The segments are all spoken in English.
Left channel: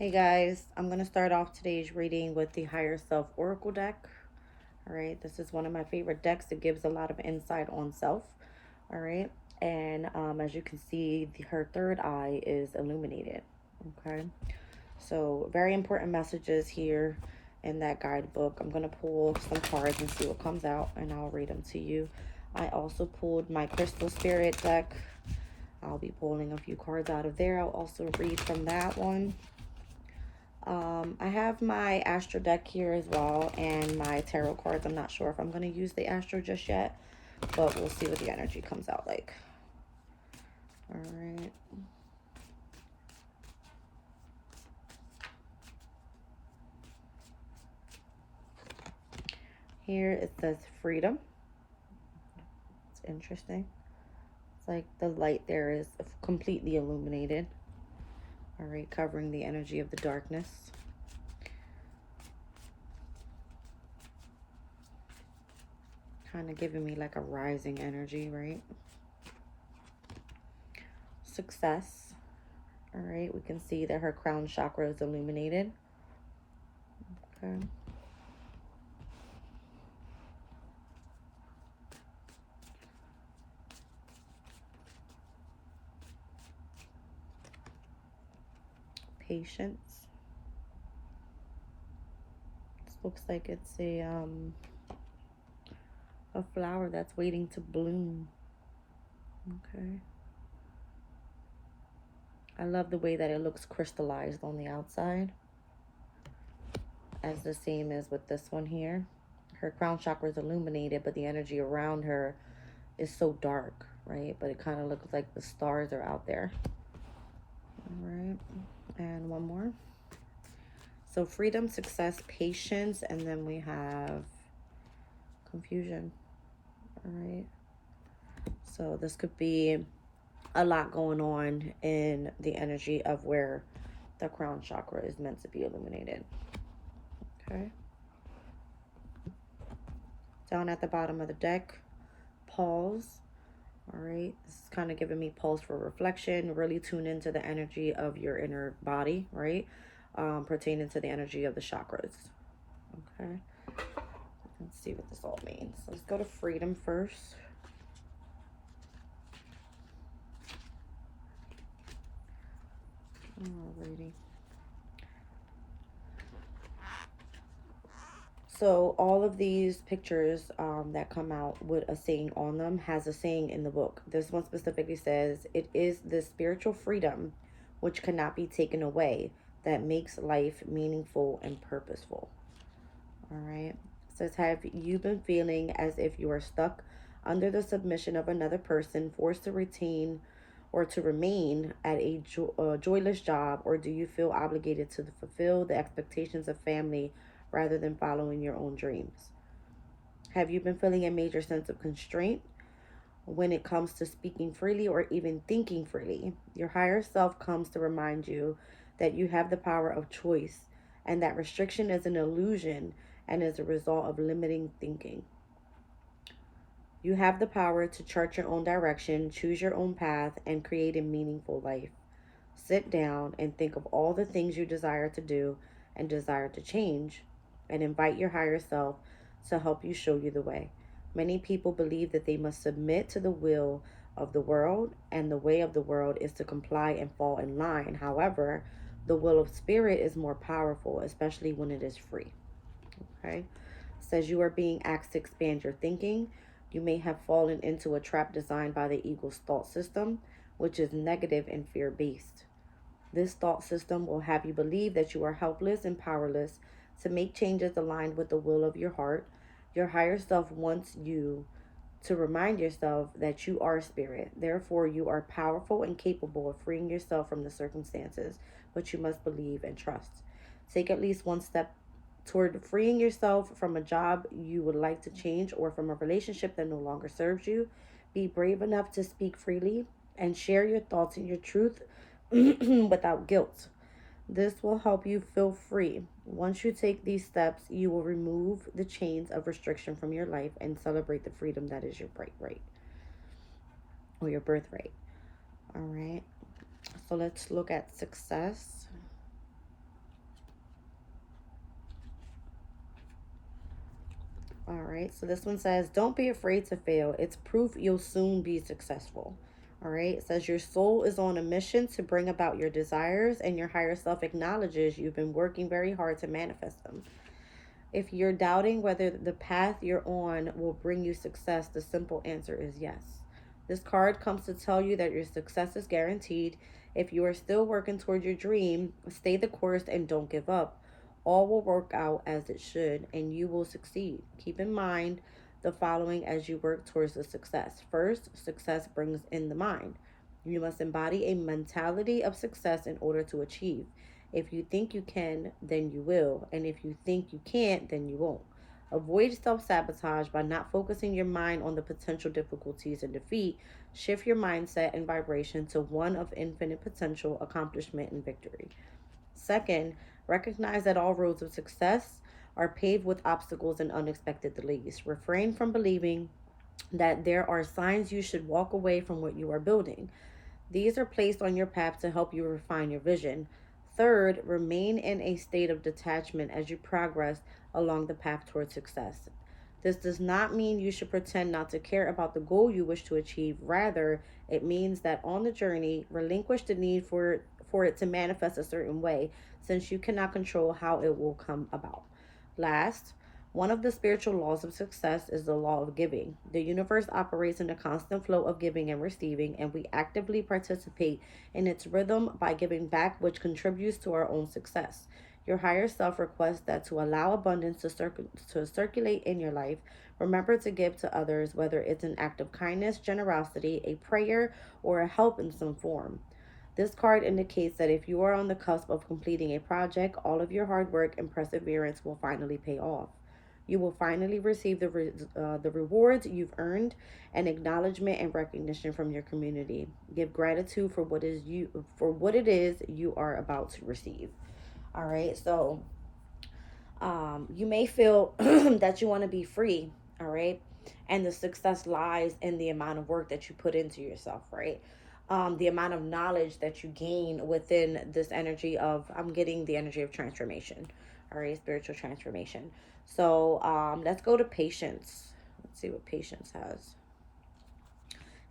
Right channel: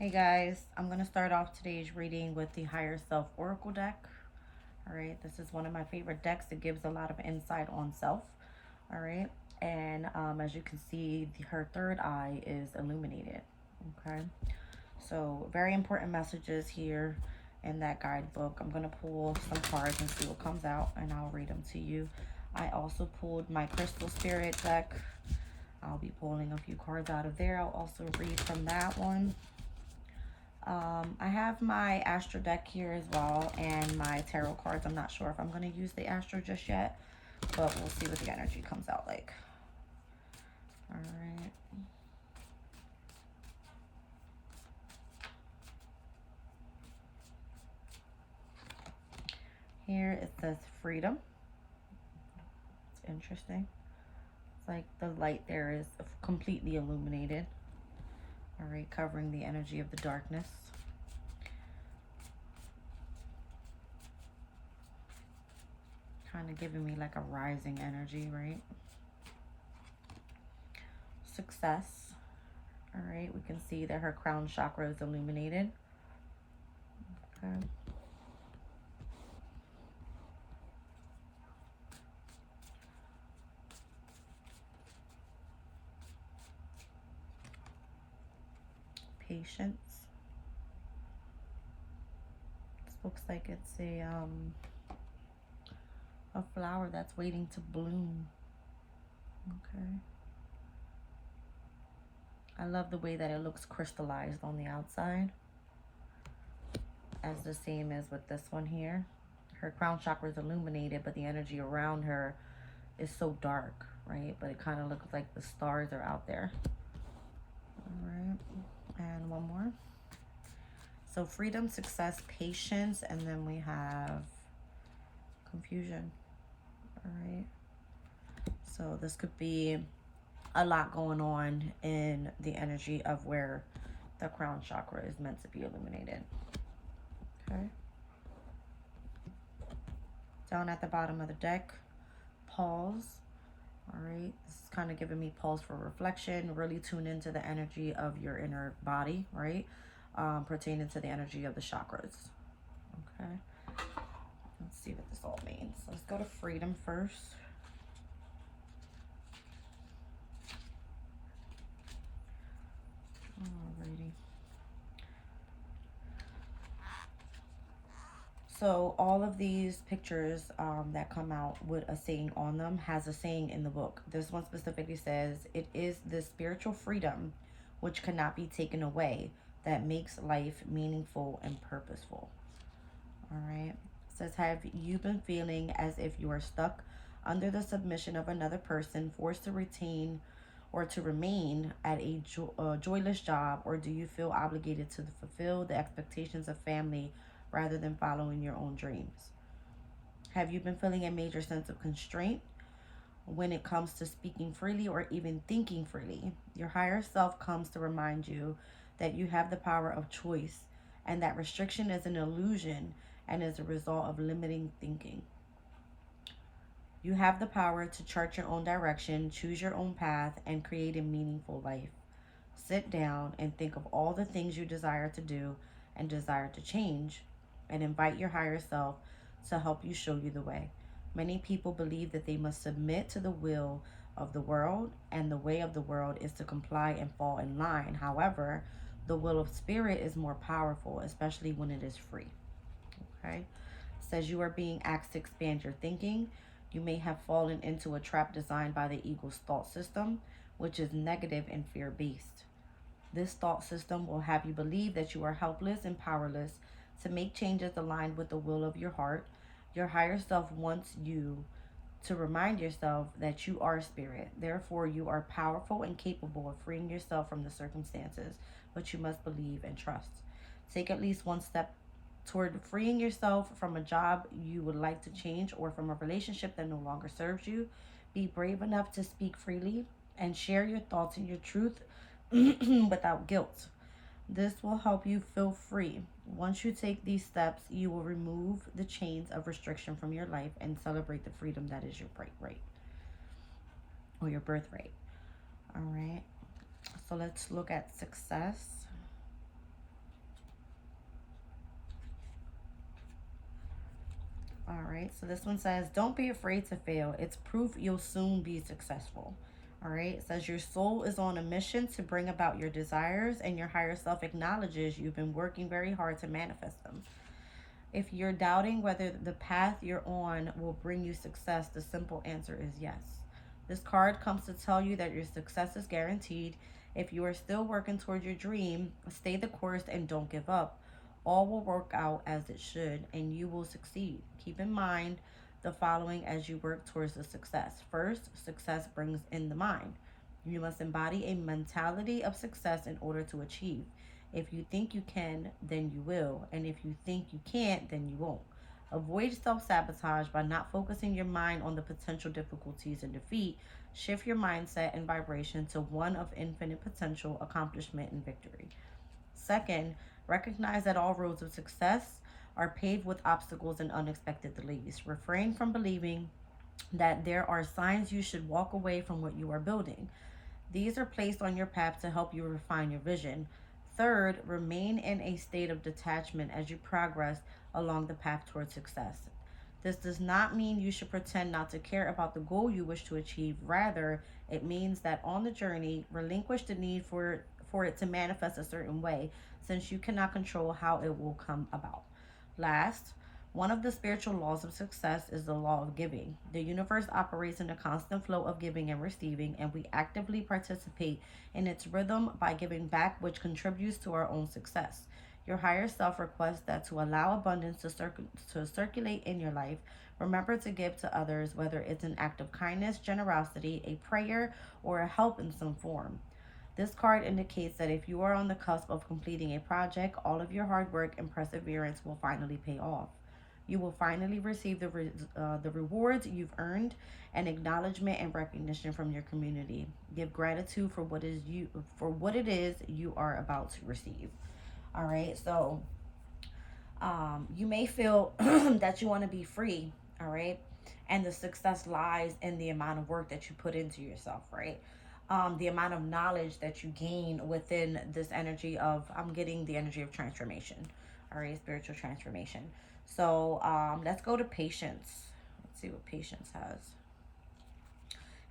Hey guys, I'm going to start off today's reading with the Higher Self Oracle deck. All right, this is one of my favorite decks. It gives a lot of insight on self. All right, and as you can see, her third eye is illuminated. Okay, so very important messages here in that guidebook. I'm going to pull some cards and see what comes out, and I'll read them to you. I also pulled my Crystal Spirit deck. I'll be pulling a few cards out of there. I'll also read from that one. I have my Astro deck here as well and my tarot cards. I'm not sure if I'm going to use the Astro just yet, but we'll see what the energy comes out like. All right. Here it says freedom. It's interesting. It's like the light there is completely illuminated. All right, covering the energy of the darkness. Kind of giving me like a rising energy, right? Success. All right, we can see that her crown chakra is illuminated. Okay. Patience. This looks like it's a flower that's waiting to bloom. Okay. I love the way that it looks crystallized on the outside, as the same as with this one here. Her crown chakra is illuminated, but the energy around her is so dark, right? But it kind of looks like the stars are out there. All right. And one more. So freedom, success, patience, and then we have confusion. All right. So this could be a lot going on in the energy of where the crown chakra is meant to be illuminated. Okay. Down at the bottom of the deck, pause. All right. This is kind of giving me pause for reflection. Really tune into the energy of your inner body, right? Pertaining to the energy of the chakras. Okay. Let's see what this all means. Let's go to freedom first. Alrighty. So all of these pictures that come out with a saying on them has a saying in the book. This one specifically says, "It is the spiritual freedom which cannot be taken away that makes life meaningful and purposeful." All right. It says, "Have you been feeling as if you are stuck under the submission of another person, forced to retain or to remain at a joyless job, or do you feel obligated to fulfill the expectations of family rather than following your own dreams? Have you been feeling a major sense of constraint when it comes to speaking freely or even thinking freely? Your higher self comes to remind you that you have the power of choice and that restriction is an illusion and is a result of limiting thinking. You have the power to chart your own direction, choose your own path, and create a meaningful life. Sit down and think of all the things you desire to do and desire to change, and invite your higher self to help you show you the way. Many people believe that they must submit to the will of the world, and the way of the world is to comply and fall in line. However, the will of spirit is more powerful, especially when it is free." Okay? It says you are being asked to expand your thinking. You may have fallen into a trap designed by the ego's thought system, which is negative and fear based. This thought system will have you believe that you are helpless and powerless to make changes aligned with the will of your heart. Your higher self wants you to remind yourself that you are spirit. Therefore, you are powerful and capable of freeing yourself from the circumstances, but you must believe and trust. Take at least one step toward freeing yourself from a job you would like to change or from a relationship that no longer serves you. Be brave enough to speak freely and share your thoughts and your truth without guilt. This will help you feel free. Once you take these steps, you will remove the chains of restriction from your life and celebrate the freedom that is your birthright or your birthright. All right. So let's look at success. All right, so this one says, don't be afraid to fail. It's proof you'll soon be successful. All right, it says your soul is on a mission to bring about your desires, and your higher self acknowledges you've been working very hard to manifest them. If you're doubting whether the path you're on will bring you success, the simple answer is yes. This card comes to tell you that your success is guaranteed. If you are still working toward your dream, stay the course and don't give up. All will work out as it should, and you will succeed. Keep in mind the following as you work towards the success. First, success brings in the mind. You must embody a mentality of success in order to achieve. If you think you can, then you will. And if you think you can't, then you won't. Avoid self sabotage by not focusing your mind on the potential difficulties and defeat. Shift your mindset and vibration to one of infinite potential, accomplishment, and victory. Second, recognize that all roads of success are paved with obstacles and unexpected delays. Refrain from believing that there are signs you should walk away from what you are building. These are placed on your path to help you refine your vision. Third, remain in a state of detachment as you progress along the path towards success. This does not mean you should pretend not to care about the goal you wish to achieve. Rather, it means that on the journey, relinquish the need for it to manifest a certain way, since you cannot control how it will come about. Last, one of the spiritual laws of success is the law of giving. The universe operates in a constant flow of giving and receiving, and we actively participate in its rhythm by giving back, which contributes to our own success. Your higher self requests that to allow abundance to circulate in your life. Remember to give to others, whether it's an act of kindness, generosity, a prayer, or a help in some form. This card indicates that if you are on the cusp of completing a project, all of your hard work and perseverance will finally pay off. You will finally receive the rewards you've earned, and acknowledgement and recognition from your community. Give gratitude for what it is you are about to receive. All right, so you may feel that you want to be free. All right, and the success lies in the amount of work that you put into yourself. Right, the amount of knowledge that you gain within this energy of, I'm getting the energy of transformation. All right, spiritual transformation. So let's go to patience. Let's see what patience has.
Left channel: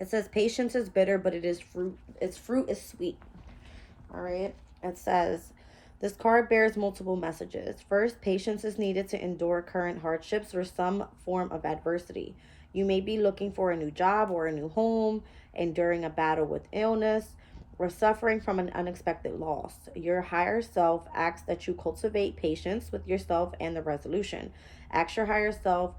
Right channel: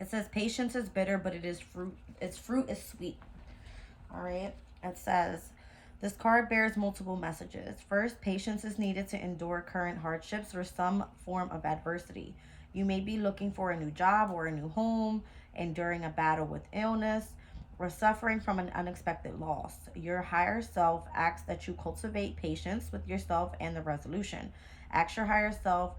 It says patience is bitter, but it is fruit. Its fruit is sweet. All right. It says this card bears multiple messages. First, patience is needed to endure current hardships or some form of adversity. You may be looking for a new job or a new home, enduring a battle with illness, or suffering from an unexpected loss. Your higher self asks that you cultivate patience with yourself and the resolution. Ask your higher self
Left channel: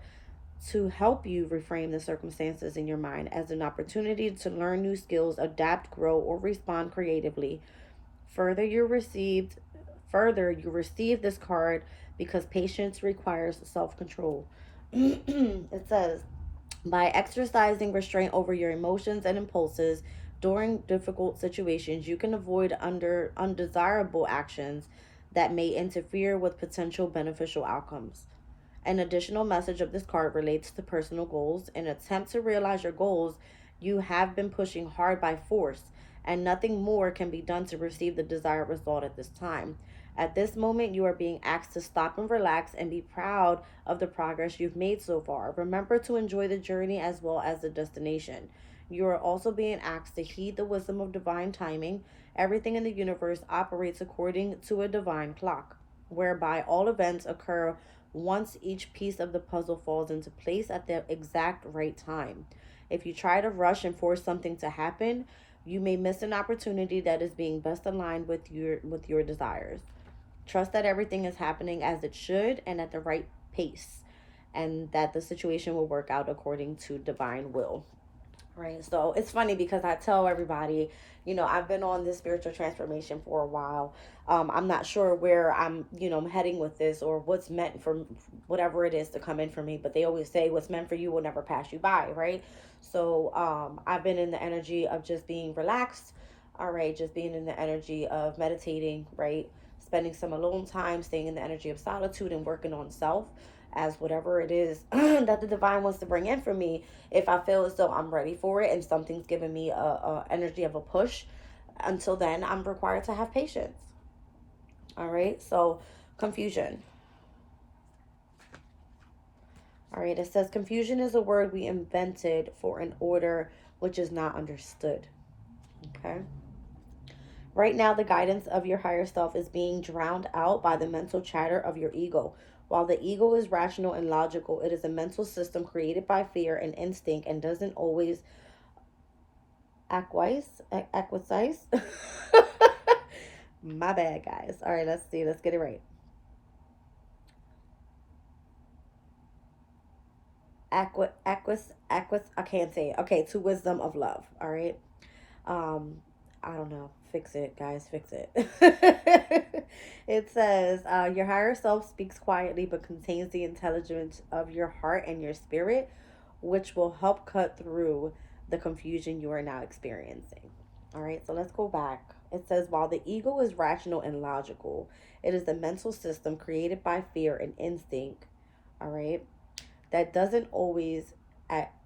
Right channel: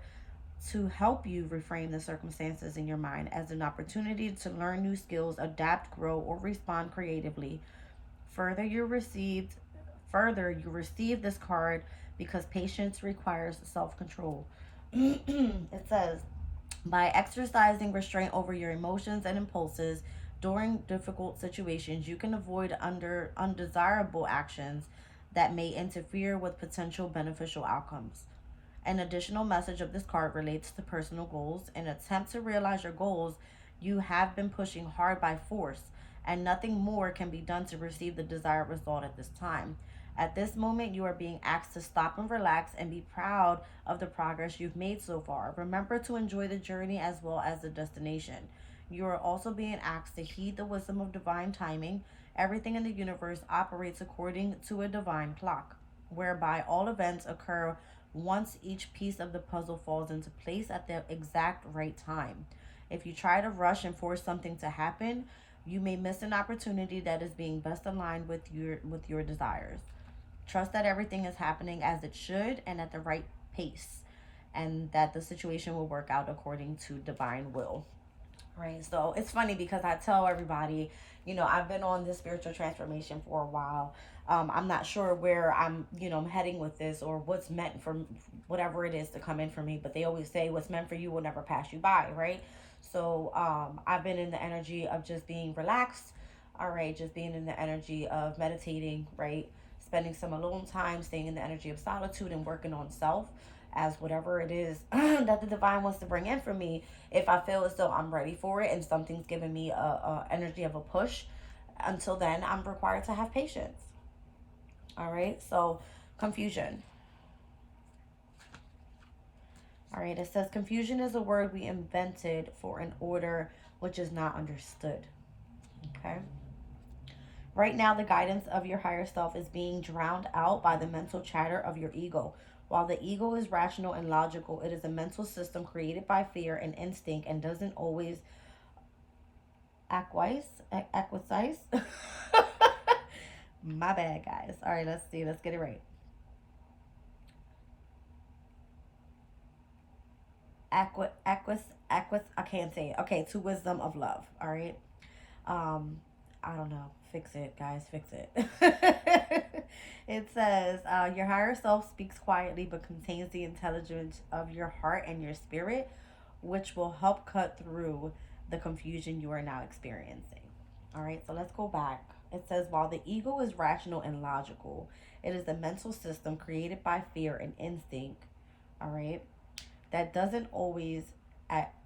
to help you reframe the circumstances in your mind as an opportunity to learn new skills, adapt, grow, or respond creatively. Further, you receive this card because patience requires self-control. It says, by exercising restraint over your emotions and impulses during difficult situations, you can avoid undesirable actions that may interfere with potential beneficial outcomes. An additional message of this card relates to personal goals. In an attempt to realize your goals, you have been pushing hard by force, and nothing more can be done to receive the desired result at this time. At this moment, you are being asked to stop and relax and be proud of the progress you've made so far. Remember to enjoy the journey as well as the destination. You are also being asked to heed the wisdom of divine timing. Everything in the universe operates according to a divine clock, whereby all events occur once each piece of the puzzle falls into place at the exact right time. If you try to rush and force something to happen, you may miss an opportunity that is being best aligned with your desires. Trust that everything is happening as it should and at the right pace, and that the situation will work out according to divine will. Right. So it's funny because I tell everybody, I've been on this spiritual transformation for a while. I'm not sure where I'm heading with this, or what's meant for whatever it is to come in for me. But they always say what's meant for you will never pass you by. Right. So I've been in the energy of just being relaxed. All right. Just being in the energy of meditating. Right. Spending some alone time, staying in the energy of solitude and working on self as whatever it is that the divine wants to bring in for me. If I feel as though I'm ready for it and something's giving me a energy of a push, until then I'm required to have patience. All right, so confusion. All right, it says confusion is a word we invented for an order which is not understood. Okay. Right now, the guidance of your higher self is being drowned out by the mental chatter of your ego. While the ego is rational and logical, it is a mental system created by fear and instinct and doesn't always acquiesce. My bad, guys. All right, let's see. Let's get it right. I can't say it. Okay, to wisdom of love. All right. Um, I don't know. Fix it, guys. Fix it. It says, your higher self speaks quietly but contains the intelligence of your heart and your spirit, which will help cut through the confusion you are now experiencing. All right, so let's go back. It says, while the ego is rational and logical, it is a mental system created by fear and instinct. All right, that doesn't always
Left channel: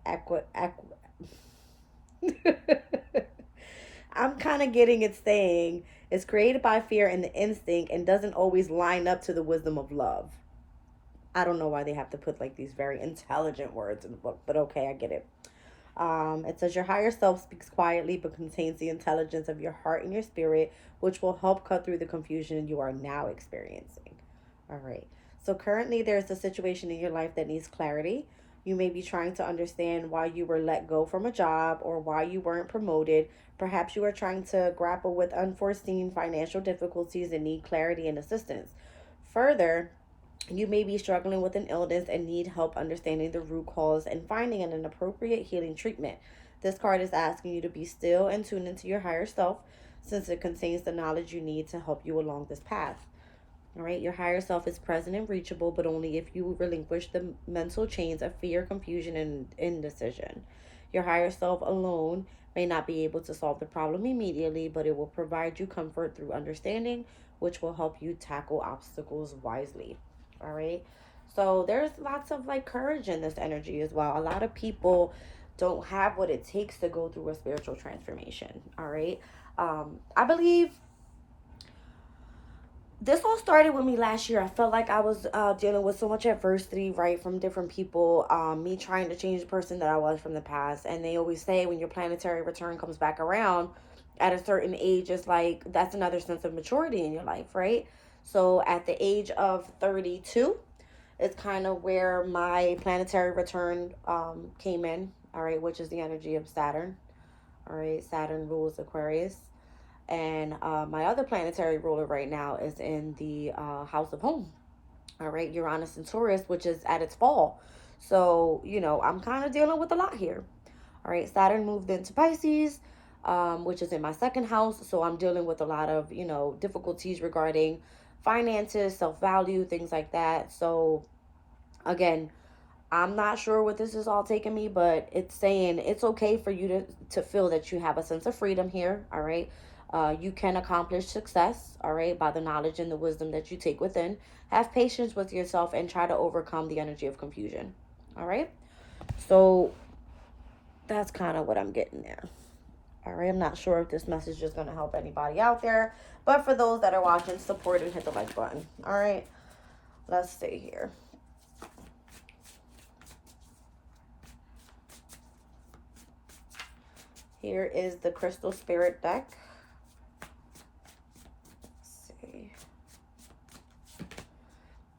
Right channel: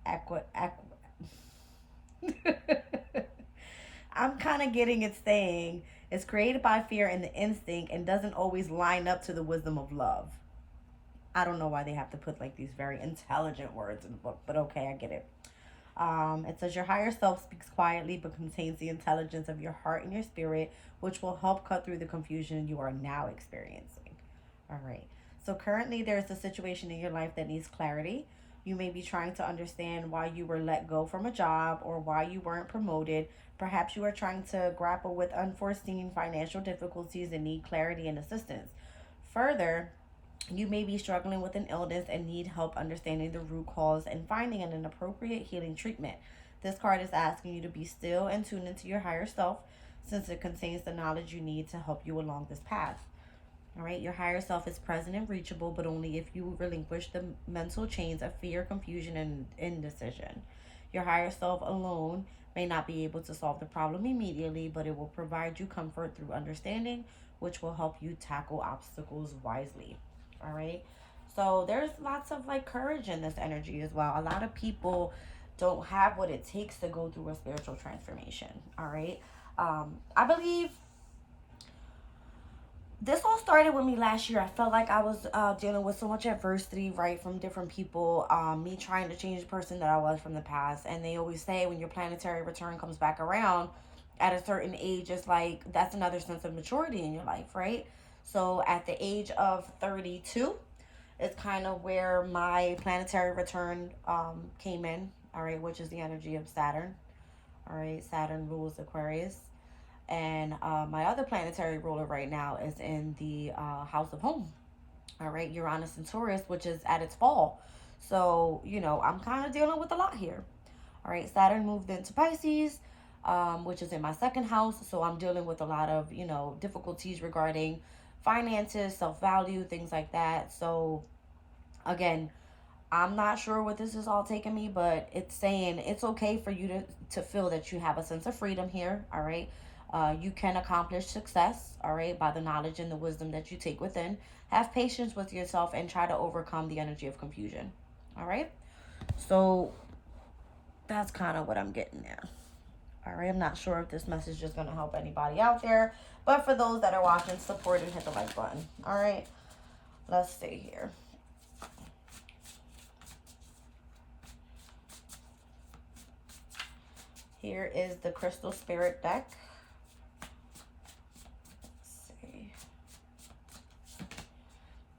aqua. I'm kind of getting it saying it's created by fear and the instinct and doesn't always line up to the wisdom of love. I don't know why they have to put like these very intelligent words in the book, but okay, I get it. It says your higher self speaks quietly but contains the intelligence of your heart and your spirit, which will help cut through the confusion you are now experiencing. All right. So currently there's a situation in your life that needs clarity. You may be trying to understand why you were let go from a job or why you weren't promoted. Perhaps you are trying to grapple with unforeseen financial difficulties and need clarity and assistance. Further, you may be struggling with an illness and need help understanding the root cause and finding an appropriate healing treatment. This card is asking you to be still and tune into your higher self since it contains the knowledge you need to help you along this path. All right, your higher self is present and reachable, but only if you relinquish the mental chains of fear, confusion, and indecision. Your higher self alone may not be able to solve the problem immediately, but it will provide you comfort through understanding, which will help you tackle obstacles wisely. All right, so there's lots of like courage in this energy as well. A lot of people don't have what it takes to go through a spiritual transformation. All right, I believe this all started with me last year. I felt like I was dealing with so much adversity, right, from different people. Me trying to change the person that I was from the past. And they always say when your planetary return comes back around at a certain age, it's like that's another sense of maturity in your life, right? So at the age of 32, it's kind of where my planetary return came in, all right, which is the energy of Saturn. All right, Saturn rules Aquarius. And my other planetary ruler right now is in the house of home. All right, Uranus and Taurus, which is at its fall. So, I'm kind of dealing with a lot here. All right, Saturn moved into Pisces, which is in my second house. So I'm dealing with a lot of, difficulties regarding finances, self value, things like that. So, again, I'm not sure what this is all taking me, but it's saying it's okay for you to feel that you have a sense of freedom here. All right. You can accomplish success, all right, by the knowledge and the wisdom that you take within. Have patience with yourself and try to overcome the energy of confusion. All right. So that's kind of what I'm getting there. All right. I'm not sure if this message is going to help anybody out there, but for those that are watching, support and hit the like button. All right. Let's see here. Here is the Crystal Spirit deck. Let's see.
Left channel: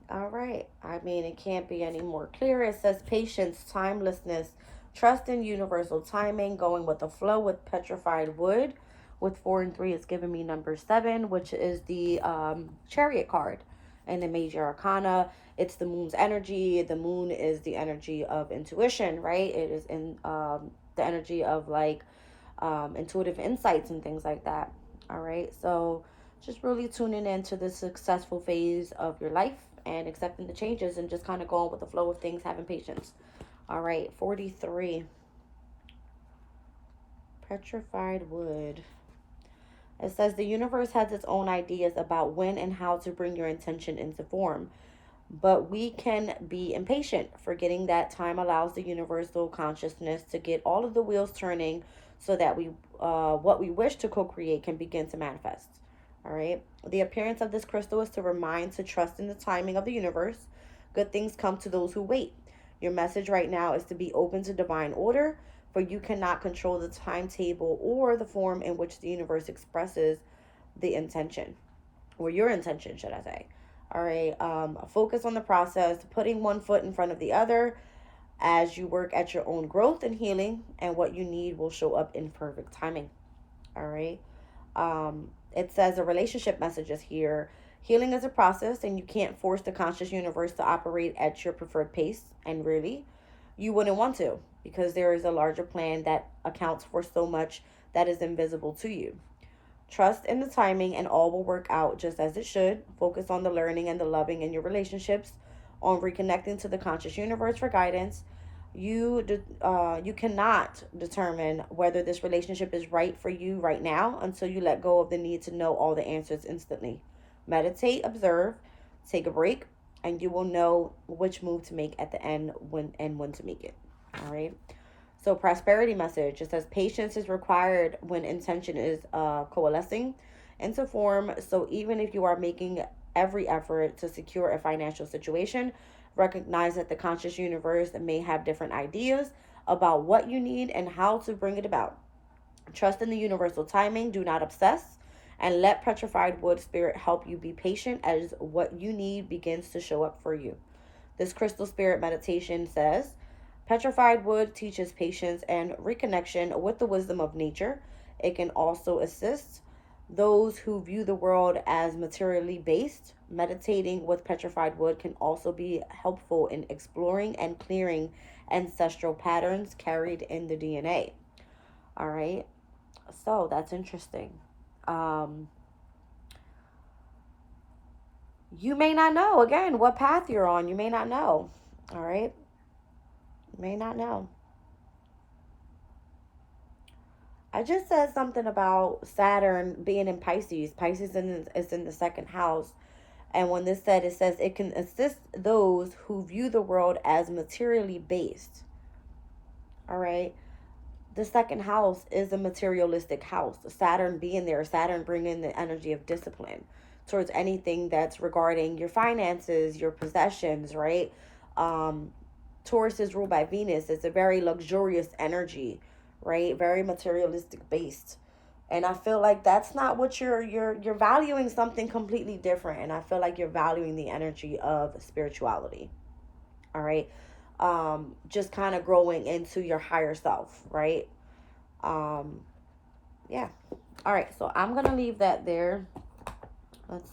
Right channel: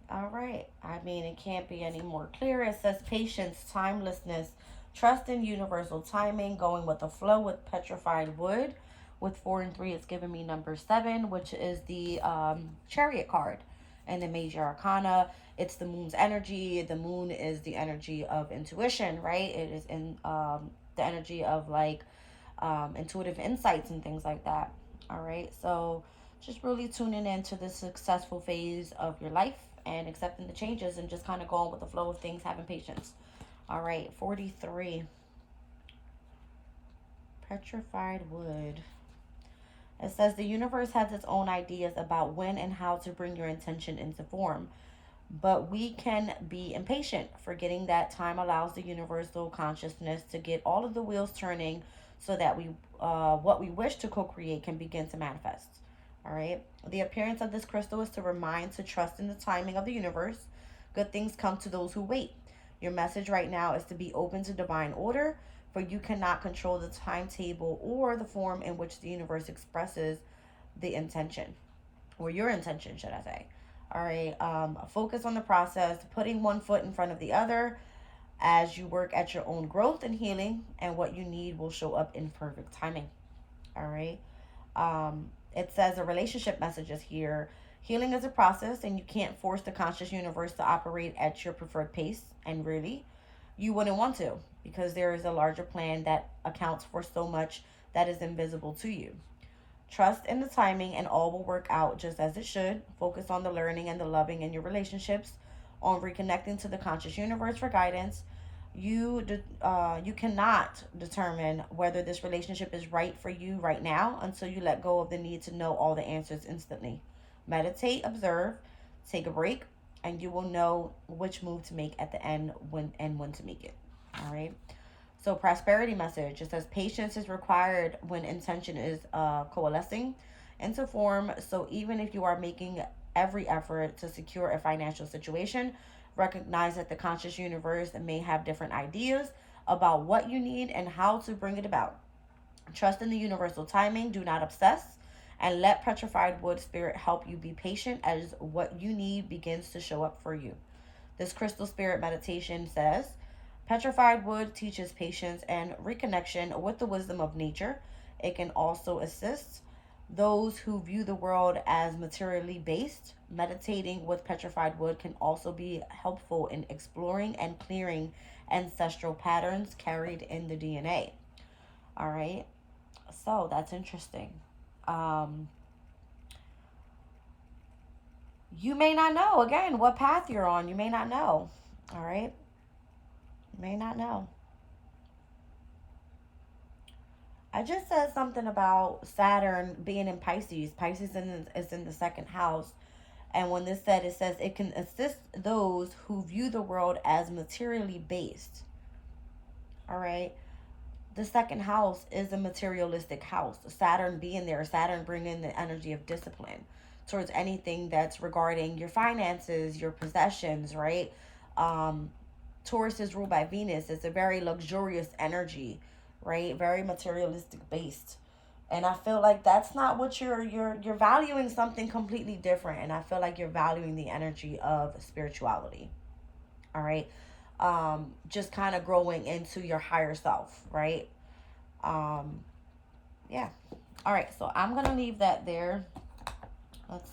All right. I mean, it can't be any more clear. It says patience, timelessness, trust in universal timing, going with the flow with petrified wood. With 4 and 3, it's giving me number 7, which is the Chariot card. And the Major Arcana, it's the moon's energy. The moon is the energy of intuition, right? It is in the energy of like intuitive insights and things like that. All right, so just really tuning into the successful phase of your life and accepting the changes and just kind of going with the flow of things, having patience. All right, 43. Petrified wood. It says the universe has its own ideas about when and how to bring your intention into form. But we can be impatient, forgetting that time allows the universal consciousness to get all of the wheels turning so that what we wish to co-create can begin to manifest. All right. The appearance of this crystal is to remind to trust in the timing of the universe. Good things come to those who wait. Your message right now is to be open to divine order, for you cannot control the timetable or the form in which the universe expresses the intention, or your intention, should I say. All right. Focus on the process, putting one foot in front of the other as you work at your own growth and healing, and what you need will show up in perfect timing. All right. It says a relationship message is here. Healing is a process, and you can't force the conscious universe to operate at your preferred pace. And really, you wouldn't want to, because there is a larger plan that accounts for so much that is invisible to you. Trust in the timing, and all will work out just as it should. Focus on the learning and the loving in your relationships, on reconnecting to the conscious universe for guidance. You cannot determine whether this relationship is right for you right now until you let go of the need to know all the answers instantly. Meditate, observe, take a break, and you will know which move to make at the end, when to make it. All right. So, prosperity message, it says patience is required when intention is coalescing into form. So even if you are making every effort to secure a financial situation, recognize that the conscious universe may have different ideas about what you need and how to bring it about. Trust in the universal timing, do not obsess, and let petrified wood spirit help you be patient as what you need begins to show up for you. This crystal spirit meditation says, petrified wood teaches patience and reconnection with the wisdom of nature. It can also assist those who view the world as materially based. Meditating with petrified wood can also be helpful in exploring and clearing ancestral patterns carried in the DNA. All right, so that's interesting. Um, you may not know, again, what path you're on. You may not know. All right, you may not know. I just said something about Saturn being in Pisces. Pisces is in the second house. And when this said, it says it can assist those who view the world as materially based. All right. The second house is a materialistic house. Saturn being there, Saturn bringing the energy of discipline towards anything that's regarding your finances, your possessions, right? Um, Taurus is ruled by Venus. It's a very luxurious energy, right? Very materialistic based. And I feel like that's not what you're valuing, something completely different. And I feel like you're valuing the energy of spirituality. All right. Just kind of growing into your higher self, right? Um, yeah. All right, so I'm gonna leave that there. Let's